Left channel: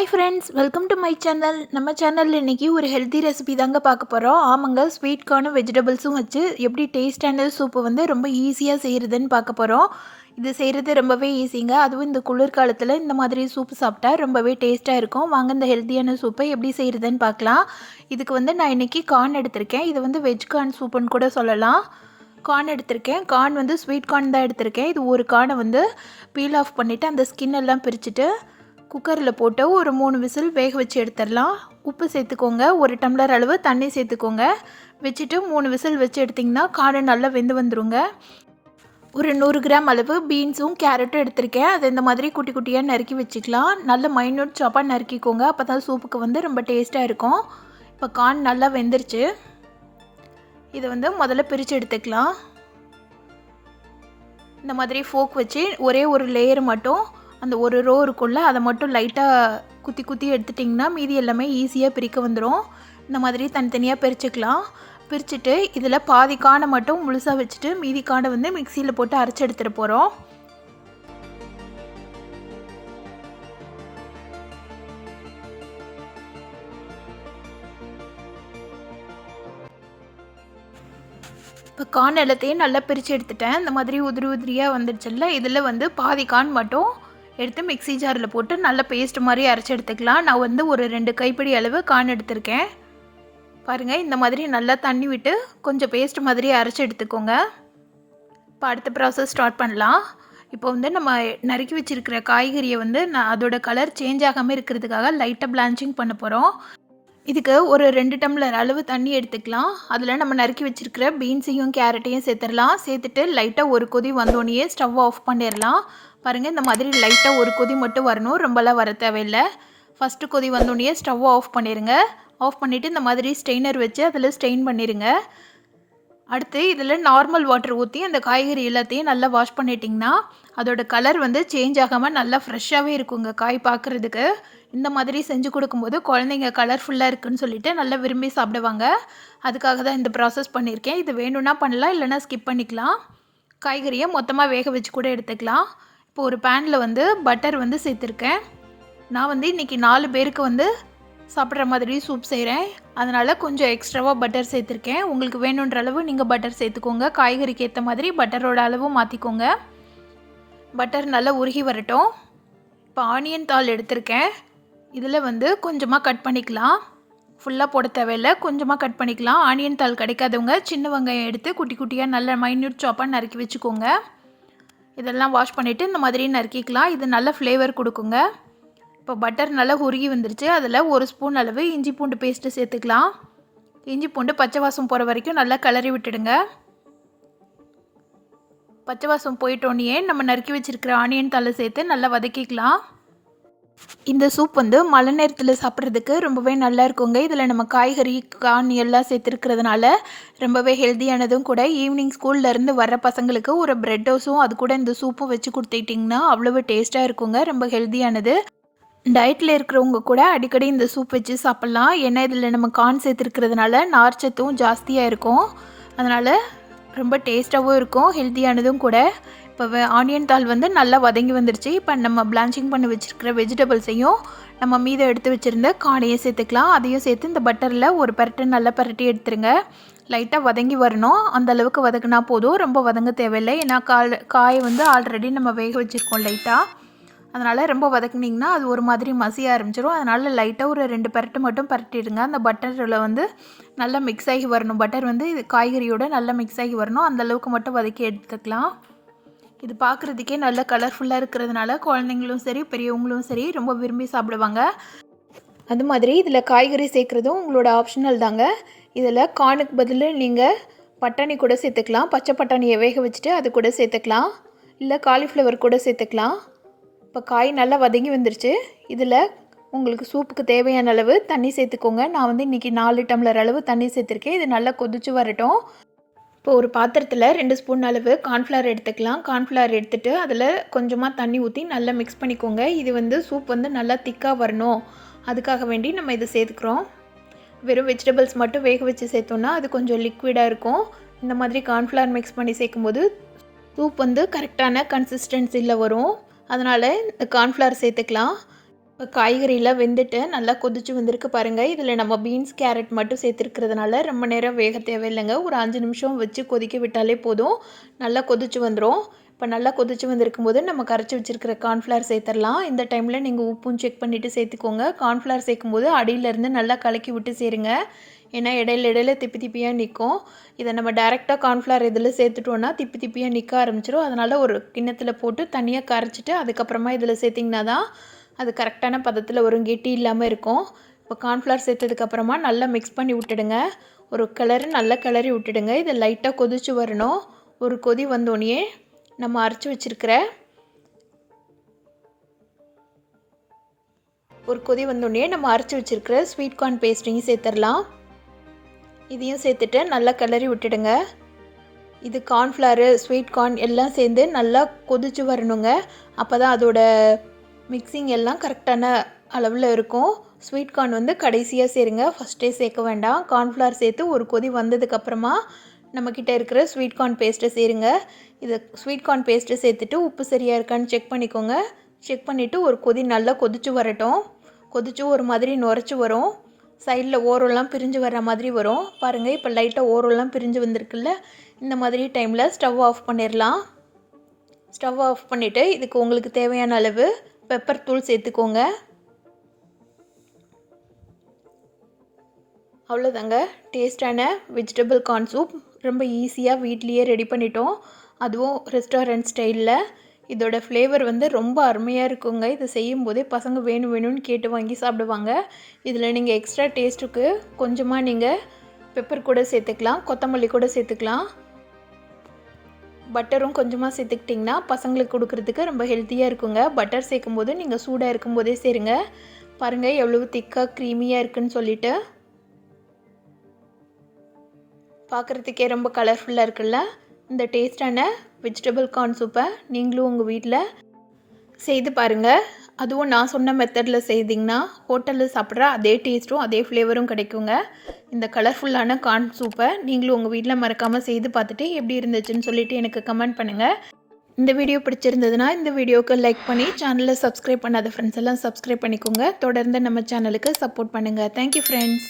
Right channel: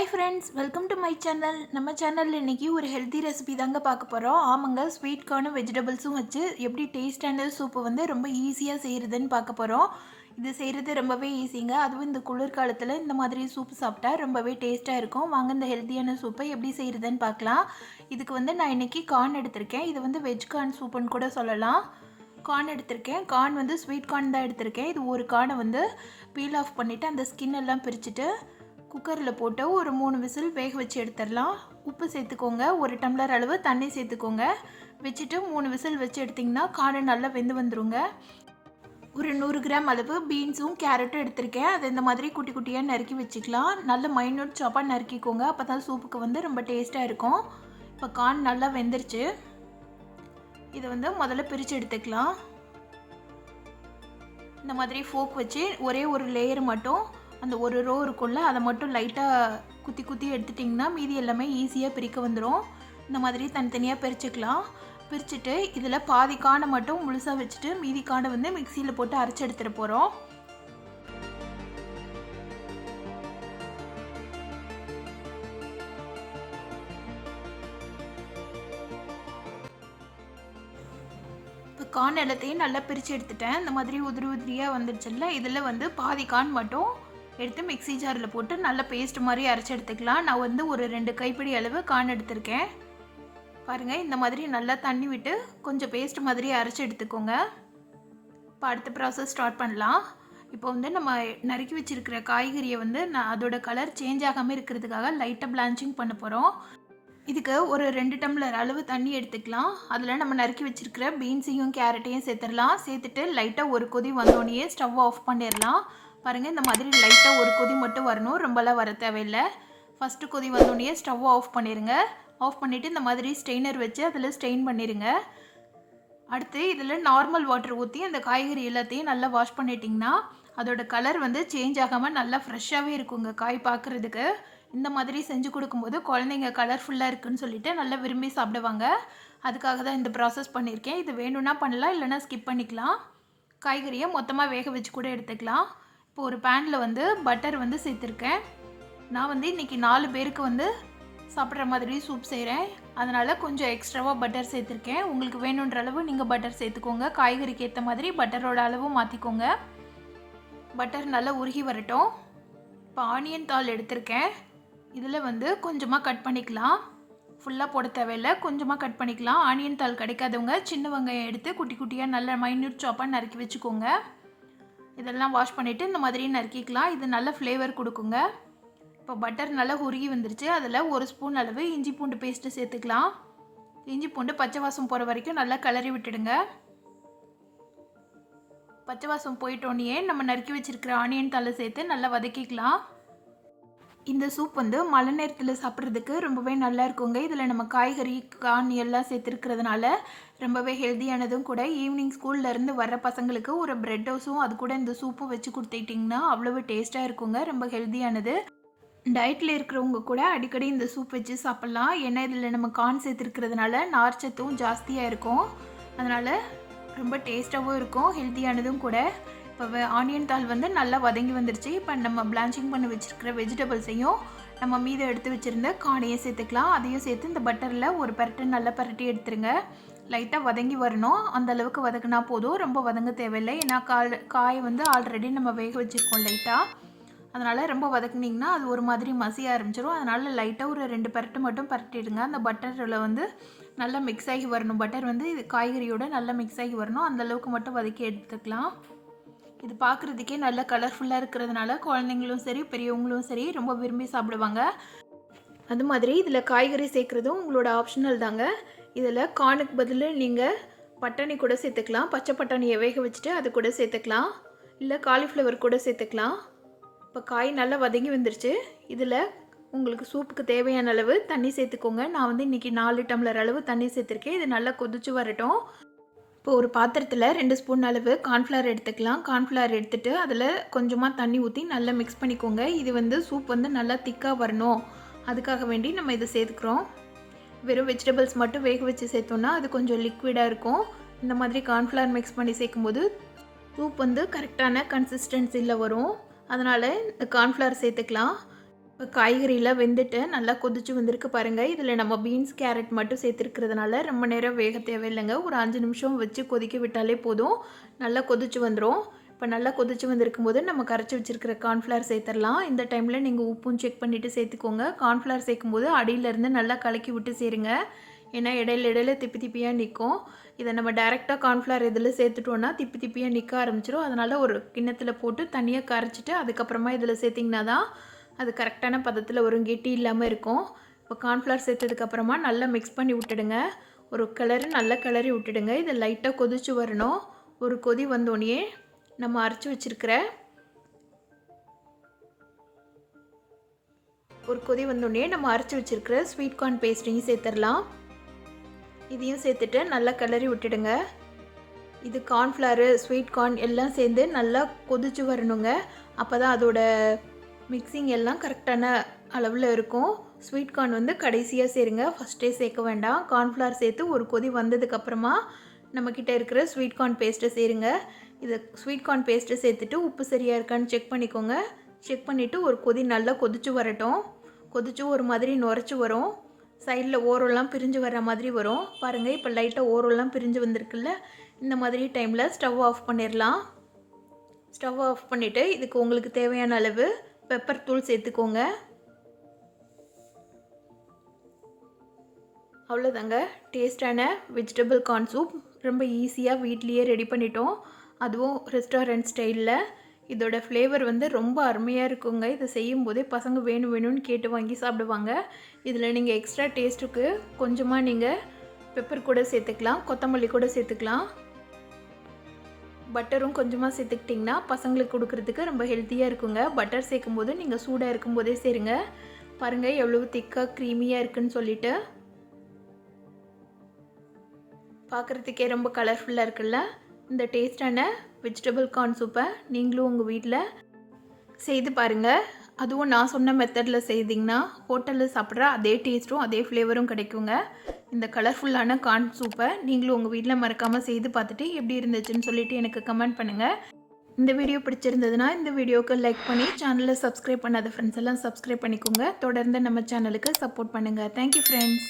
Hi friends, welcome to my channel. நம்ம சேனலில் இன்றைக்கி ஒரு ஹெல்த்தி ரெசிபி தாங்க பார்க்க போகிறோம். ஆமாங்க, ஸ்வீட் கார்னும் வெஜிடபிள்ஸும் வச்சு எப்படி டேஸ்டான சூப்பு வந்து ரொம்ப ஈஸியாக செய்கிறதுன்னு பார்க்க போகிறோம். இது செய்கிறது ரொம்பவே ஈஸிங்க. அதுவும் இந்த குளிர்காலத்தில் இந்த மாதிரி சூப்பு சாப்பிட்டா ரொம்பவே டேஸ்ட்டாக இருக்கும். வாங்க இந்த ஹெல்த்தியான சூப்பை எப்படி செய்கிறதுன்னு பார்க்கலாம். இதுக்கு வந்து நான் இன்றைக்கி கார்ன் எடுத்திருக்கேன். இது வந்து வெஜ் கார்ன் சூப்புன்னு கூட சொல்லலாம். கார்ன் எடுத்திருக்கேன். கார்ன் வந்து ஸ்வீட் கார்ன் தான் எடுத்திருக்கேன். இது ஒரு கார்னை வந்து பீல் ஆஃப் பண்ணிவிட்டு அந்த ஸ்கின் எல்லாம் பிரிச்சுட்டு குக்கரில் போட்டு ஒரு 3 விசில் வேக வச்சு எடுத்துடலாம். உப்பு சேர்த்துக்கோங்க, 1 டம்ளர் அளவு தண்ணி சேர்த்துக்கோங்க. வச்சுட்டு 3 விசில் வச்சு எடுத்திங்கன்னா கார்ன் நல்லா வெந்து வந்துடுங்க. ஒரு 100 கிராம் அளவு பீன்ஸும் கேரட்டும் எடுத்திருக்கேன். அது இந்த மாதிரி குட்டி குட்டியாக நறுக்கி வச்சுக்கலாம். நல்ல மைன்யூட் சாப்பாக நறுக்கிக்கோங்க, அப்போ தான் சூப்புக்கு வந்து ரொம்ப டேஸ்ட்டாக இருக்கும். இப்போ கார்ன் நல்லா வெந்துருச்சு. இதை வந்து முதல்ல பிரித்து எடுத்துக்கலாம். இந்த மாதிரி ஃபோக் வச்சு ஒரே ஒரு லேயர் மட்டும் அந்த ஒரு ரோ இருக்குள்ள அதை மட்டும் லைட்டாக குத்தி குத்தி எடுத்துட்டிங்கன்னா மீதி எல்லாமே ஈஸியாக பிரிக்க வந்துடும். இந்த மாதிரி தனித்தனியாக பிரிச்சுக்கலாம். பிரிச்சுட்டு இதில் பாதி காடை மட்டும் முழுசாக வச்சுட்டு மீதி காடை வந்து மிக்சியில் போட்டு அரைச்சி எடுத்துகிட்டு போகிறோம். இப்போ கார்ன் எல்லாத்தையும் நல்லா பிரித்து எடுத்துட்டேன். இந்த மாதிரி உதிரி உதிரியாக வந்துடுச்சுல்ல, இதில் வந்து பாதி கார்ன் மட்டும் எடுத்து மிக்ஸி ஜாரில் போட்டு நல்லா பேஸ்ட் மாதிரி அரைச்சி எடுத்துக்கலாம். நான் வந்து ஒரு 2 கைப்பிடி அளவு கார்ன் எடுத்திருக்கேன். பாருங்கள், இந்த மாதிரி நல்லா தண்ணி விட்டு கொஞ்சம் பேஸ்ட் மாதிரி அரைச்சி எடுத்துக்கோங்க. இப்போ அடுத்த ப்ராசஸ் ஸ்டார்ட் பண்ணலாம். இப்போ வந்து நம்ம நறுக்கி வச்சுருக்கிற காய்கறியை வந்து அதோட கலர் சேஞ்ச் ஆகாமல் இருக்கிறதுக்காக லைட்டாக பிளான்ச்சிங் பண்ண போகிறோம். இதுக்கு ஒரு 2 டம்ளர் அளவு தண்ணி எடுத்துக்கலாம். அதில் நம்ம நறுக்கி வச்சுருக்கிற பீன்ஸையும் கேரட்டையும் சேர்த்துடலாம். சேர்த்துட்டு லைட்டாக ஒரு கொதி வந்தோடனே ஸ்டவ் ஆஃப் பண்ணிடலாம். பாருங்கள், இந்த மாதிரி லைட்டாக ஒரு கொதி மட்டும் வரணும், ரொம்பலாம் வர தேவையில்லை. ஃபஸ்ட்டு கொதி வந்தோடனே ஸ்டவ் ஆஃப் பண்ணிடுங்க. ஆஃப் பண்ணிவிட்டு இந்த மாதிரி ஸ்ட்ரெயினர் வச்சு அதில் ஸ்ட்ரெயின் பண்ணிடுங்க. அடுத்து இதில் நார்மல் வாட்டர் ஊற்றி அந்த காய்கறி எல்லாத்தையும் நல்லா வாஷ் பண்ணிட்டிங்கன்னா அதோட கலர் வந்து சேஞ்ச் ஆகாமல் நல்லா ஃப்ரெஷ்ஷாகவே இருக்குங்க காய் பார்க்குறதுக்கு. இந்த மாதிரி செஞ்சு கொடுக்கும்போது குழந்தைங்க கலர்ஃபுல்லாக இருக்குதுன்னு சொல்லிட்டு நல்லா விரும்பி சாப்பிடுவாங்க. அதுக்காக தான் இந்த ப்ராசஸ் பண்ணியிருக்கேன். இது வேணும்னா பண்ணலாம், இல்லைனா ஸ்கிப் பண்ணிக்கலாம். காய்கறியை மொத்தமாக வேக வச்சு கூட எடுத்துக்கலாம். இப்போ ஒரு பேனில் வந்து பட்டர் வந்து சேர்த்துருக்கேன். நான் வந்து இன்றைக்கி 4 பேருக்கு வந்து சாப்பிட்ற மாதிரி சூப் செய்கிறேன். அதனால் கொஞ்சம் எக்ஸ்ட்ராவாக பட்டர் சேர்த்துருக்கேன். உங்களுக்கு வேணுன்ற அளவு நீங்கள் பட்டர் சேர்த்துக்கோங்க. காய்கறிக்கு ஏற்ற மாதிரி பட்டரோட அளவும் மாற்றிக்கோங்க. பட்டர் நல்லா உருகி வரட்டும். இப்போ ஆனியன் தாள் எடுத்திருக்கேன். இதில் வந்து கொஞ்சமாக கட் பண்ணிக்கலாம். ஃபுல்லாக போட தேவையில்லை, கொஞ்சமாக கட் பண்ணிக்கலாம். ஆனியன் தாள் கிடைக்காதவங்க சின்ன வெங்காயம் எடுத்து குட்டி குட்டியாக நல்ல மைன்யூட் சாப்பாக நறுக்கி வச்சுக்கோங்க. இதெல்லாம் வாஷ் பண்ணிவிட்டு இந்த மாதிரி நறுக்கிக்கலாம். இது நல்ல ஃப்ளேவர் கொடுக்குங்க. இப்போ பட்டர் நல்லா உருகி வந்துருச்சு. அதில் 1 ஸ்பூன் அளவு இஞ்சி பூண்டு பேஸ்ட்டு சேர்த்துக்கலாம். இஞ்சி பூண்டு பச்சை வாசம் போகிற வரைக்கும் நல்லா கிளறி விட்டுடுங்க. பச்சை வாசம் போயிட்டோன்னே நம்ம நறுக்கி வச்சுருக்கிற ஆனியன் தலை சேர்த்து நல்லா வதக்கிக்கலாம். இந்த சூப் வந்து மழை நேரத்தில் சாப்பிட்றதுக்கு ரொம்பவே நல்லா இருக்குங்க. இதில் நம்ம காய்கறி கார்ன் எல்லாம் சேர்த்துருக்கிறதுனால ரொம்பவே ஹெல்த்தியானதும் கூட. ஈவினிங் ஸ்கூல்லேருந்து வர்ற பசங்களுக்கு ஒரு பிரெட் டோஸும் அது கூட இந்த சூப்பும் வச்சு கொடுத்துட்டிங்கன்னா அவ்வளவு டேஸ்ட்டாக இருக்குங்க. ரொம்ப ஹெல்த்தியானது. டயட்டில் இருக்கிறவங்க கூட அடிக்கடி இந்த சூப் வச்சு சாப்பிட்லாம். ஏன்னா இதில் நம்ம கார்ன் சேர்த்துருக்கிறதுனால நார்ச்சத்தும் ஜாஸ்தியாக இருக்கும். அதனால் ரொம்ப டேஸ்ட்டாகவும் இருக்கும், ஹெல்த்தியானதும் கூட. இப்போ ஆனியன் தாள் வந்து நல்லா வதங்கி வந்துருச்சு. இப்போ நம்ம பிளான்ச்சிங் பண்ணி வச்சுருக்கிற வெஜிடபிள்ஸையும் நம்ம மீதம் எடுத்து வச்சுருந்த கார்னையும் சேர்த்துக்கலாம். அதையும் சேர்த்து இந்த பட்டரில் ஒரு பரட்டு நல்லா பரட்டி எடுத்துருங்க. லைட்டாக வதங்கி வரணும், அந்த அளவுக்கு வதக்குனா போதும், ரொம்ப வதங்க தேவையில்லை. ஏன்னா காய் வந்து ஆல்ரெடி நம்ம வேக வச்சுருக்கோம் லைட்டாக. அதனால் ரொம்ப வதக்குனிங்கன்னா அது ஒரு மாதிரி மசிய ஆரம்பிச்சிடும். அதனால் லைட்டாக ஒரு 2 பரட்டு மட்டும் பரட்டிடுங்க. அந்த பட்டரில் வந்து நல்லா மிக்ஸ் ஆகி வரணும். பட்டர் வந்து இது காய்கறியோடு நல்லா மிக்ஸ் ஆகி வரணும், அந்தளவுக்கு மட்டும் வதக்கி எடுத்துக்கலாம். இது பார்க்குறதுக்கே நல்லா கலர்ஃபுல்லாக இருக்கிறதுனால குழந்தைங்களும் சரி பெரியவங்களும் சரி ரொம்ப விரும்பி சாப்பிடுவாங்க. அது மாதிரி இதில் காய்கறி சேர்க்குறதும் உங்களோட ஆப்ஷனல் தாங்க. இதில் கார்னுக்கு பதில் நீங்கள் பட்டாணி கூட சேர்த்துக்கலாம். பச்சை பட்டாணியை வேக வச்சுட்டு அது கூட சேர்த்துக்கலாம், இல்லை காலிஃப்ளவர் கூட சேர்த்துக்கலாம். இப்போ காய் நல்லா வதங்கி வந்துருச்சு. இதில் உங்களுக்கு சூப்புக்கு தேவையான அளவு தண்ணி சேர்த்துக்கோங்க. நான் வந்து இன்றைக்கி 4 டம்ளர் அளவு தண்ணி சேர்த்துருக்கேன். இது நல்லா கொதிச்சு வரட்டும். இப்போ ஒரு பாத்திரத்தில் 2 ஸ்பூன் அளவு கார்ன்ஃப்ளவர் எடுத்துக்கலாம். கார்ன்ஃப்ளவர் எடுத்துகிட்டு அதில் கொஞ்சமாக தண்ணி ஊற்றி நல்லா மிக்ஸ் பண்ணிக்கோங்க. இது வந்து சூப் வந்து நல்லா திக்காக வரணும், அதுக்காக வேண்டி நம்ம இதை சேர்த்துக்கிறோம். வெறும் வெஜிடபிள்ஸ் மட்டும் வேக வச்சு சேர்த்தோன்னா அது கொஞ்சம் லிக்விடாக இருக்கும். இந்த மாதிரி கார்ன்ஃப்ளவர் மிக்ஸ் பண்ணி சேர்க்கும்போது சூப் வந்து கரெக்டான கன்சிஸ்டன்சியில் வரும். அதனால் இந்த கார்ன்ஃப்ளவர் சேர்த்துக்கலாம். இப்போ காய்கறிலாம் வெந்துட்டு நல்லா கொதிச்சு வந்திருக்கு பாருங்கள். இதில் நம்ம பீன்ஸ் கேரட் மட்டும் சேர்த்துருக்கிறதுனால ரொம்ப நேரம் வேக தேவையில்லைங்க. ஒரு 5 நிமிஷம் வச்சு கொதிக்க விட்டாலே போதும், நல்லா கொதிச்சு வந்துடும். இப்போ நல்லா கொதிச்சு வந்திருக்கும் போது நம்ம கரைச்சி வச்சுருக்கிற கார்ன்ஃப்ளவர் சேர்த்துடலாம். இந்த டைமில் நீங்கள் உப்பும் செக் பண்ணிவிட்டு சேர்த்துக்கோங்க. கார்ன்ஃப்ளவர் சேர்க்கும்போது அடியிலேருந்து நல்லா கலக்கி விட்டு சேருங்க. ஏன்னா இடையில திப்பி திப்பியாக நிற்கும். இதை நம்ம டைரெக்டாக கார்ன்ஃப்ளவர் இதில் சேர்த்துட்டோன்னா திப்பி திப்பியாக நிற்க ஆரம்பிச்சிடும். அதனால் ஒரு கிண்ணத்தில் போட்டு தனியாக கரைச்சிட்டு அதுக்கப்புறமா இதில் சேர்த்திங்கன்னா தான் அது கரெக்டான பதத்தில் வரும், கெட்டி இல்லாமல் இருக்கும். இப்போ கார்ன்ஃப்ளவர் சேர்த்ததுக்கப்புறமா நல்லா மிக்ஸ் பண்ணி விட்டுடுங்க. ஒரு நல்லா கிளறி விட்டுடுங்க. இதை லைட்டாக கொதிச்சு வரணும். ஒரு கொதி வந்தோடனே நம்ம அரைச்சி வச்சுருக்கிற ஸ்வீட் கார்ன் பேஸ்ட்டையும் சேர்த்துடலாம். இதையும் சேர்த்துட்டு நல்லா கிளறி விட்டுடுங்க. இது கார்ன்ஃப்ளவரு, ஸ்வீட் கார்ன் எல்லாம் சேர்ந்து நல்லா கொதிச்சு வரணுங்க. அப்போ தான் அதோட மிக்சிங் எல்லாம் கரெக்டான அளவில் இருக்கும். ஸ்வீட் கார்ன் வந்து கடைசியாக சேருங்க, ஃபஸ்ட்டே சேர்க்க வேண்டாம். கார்ன்ஃப்ளவர் சேர்த்து ஒரு கொதி வந்ததுக்கப்புறமா நம்மக்கிட்ட இருக்கிற ஸ்வீட் கார்ன் பேஸ்ட்டை சேருங்க. இது ஸ்வீட் கார்ன் பேஸ்ட்டை சேர்த்துட்டு உப்பு சரியாக இருக்கான்னு செக் பண்ணிக்கோங்க. செக் பண்ணிவிட்டு ஒரு கொதி நல்லா கொதிச்சு வரட்டும். கொதிச்சு ஒரு மாதிரி நுரைச்சி வரும். சைடில் ஓரெல்லாம் பிரிஞ்சு வர்ற மாதிரி வரும் பாருங்கள். இப்போ லைட்டாக ஓரெல்லாம் பிரிஞ்சு வந்திருக்குல்ல, இந்த மாதிரி டைமில் ஸ்டவ் ஆஃப் பண்ணிடலாம். ஸ்டவ் ஆஃப் பண்ணிவிட்டு இதுக்கு உங்களுக்கு தேவையான அளவு பெப்பர் தூள் சேர்த்துக்கோங்க. அவ்வளோதாங்க, டேஸ்டான வெஜிடபிள் கார்ன் சூப் ரொம்ப ஈஸியாக வீட்லேயே ரெடி பண்ணிட்டோம். அதுவும் ரெஸ்டாரண்ட் ஸ்டைலில். இதோட ஃப்ளேவர் வந்து ரொம்ப அருமையாக இருக்குங்க. இதை செய்யும்போதே பசங்க வேணும்னு கேட்டு வாங்கி சாப்பிடுவாங்க. இதில் நீங்கள் எக்ஸ்ட்ரா டேஸ்ட்டுக்கு கொஞ்சமாக நீங்கள் பெப்பர் கூட சேர்த்துக்கலாம், கொத்தமல்லி கூட சேர்த்துக்கலாம். பட்டரும் கொஞ்சமாக சேர்த்துக்கிட்டிங்கன்னா பசங்களுக்கு கொடுக்குறதுக்கு ரொம்ப ஹெல்த்தியாக இருக்குங்க. பட்டர் சேர்க்கும்போது நீங்கள் சூடாக இருக்கும்போதே சேருங்க. பாருங்கள் எவ்வளோ திக்காக க்ரீமியாக இருக்குதுன்னு சொல்லிட்டு. பார்க்குறதுக்கே ரொம்ப கலர்ஃபுல்லாக இருக்குல்ல. இந்த டேஸ்டான வெஜிடபிள் கார்ன் சூப்பை நீங்களும் உங்கள் வீட்டில் செய்து பாருங்கள். அதுவும் நான் சொன்ன மெத்தடில் செய்திங்கன்னா ஹோட்டலில் சாப்பிட்ற அதே டேஸ்ட்டும் அதே ஃப்ளேவரும் கிடைக்குங்க. இந்த கலர்ஃபுல்லான கார்ன் சூப்பை நீங்களும் உங்கள் வீட்டில் மறக்காமல் செய்து பார்த்துட்டு எப்படி இருந்துச்சுன்னு சொல்லிவிட்டு எனக்கு கமெண்ட் பண்ணுங்கள். இந்த வீடியோ பிடிச்சிருந்ததுன்னா இந்த வீடியோவுக்கு லைக் பண்ணி சேனலை சப்ஸ்கிரைப் பண்ணாத ஃப்ரெண்ட்ஸ் எல்லாம் சப்ஸ்கிரைப் பண்ணிக்கோங்க. தொடர்ந்து நம்ம சேனலுக்கு சப்போர்ட் பண்ணுங்கள். Thank you friends.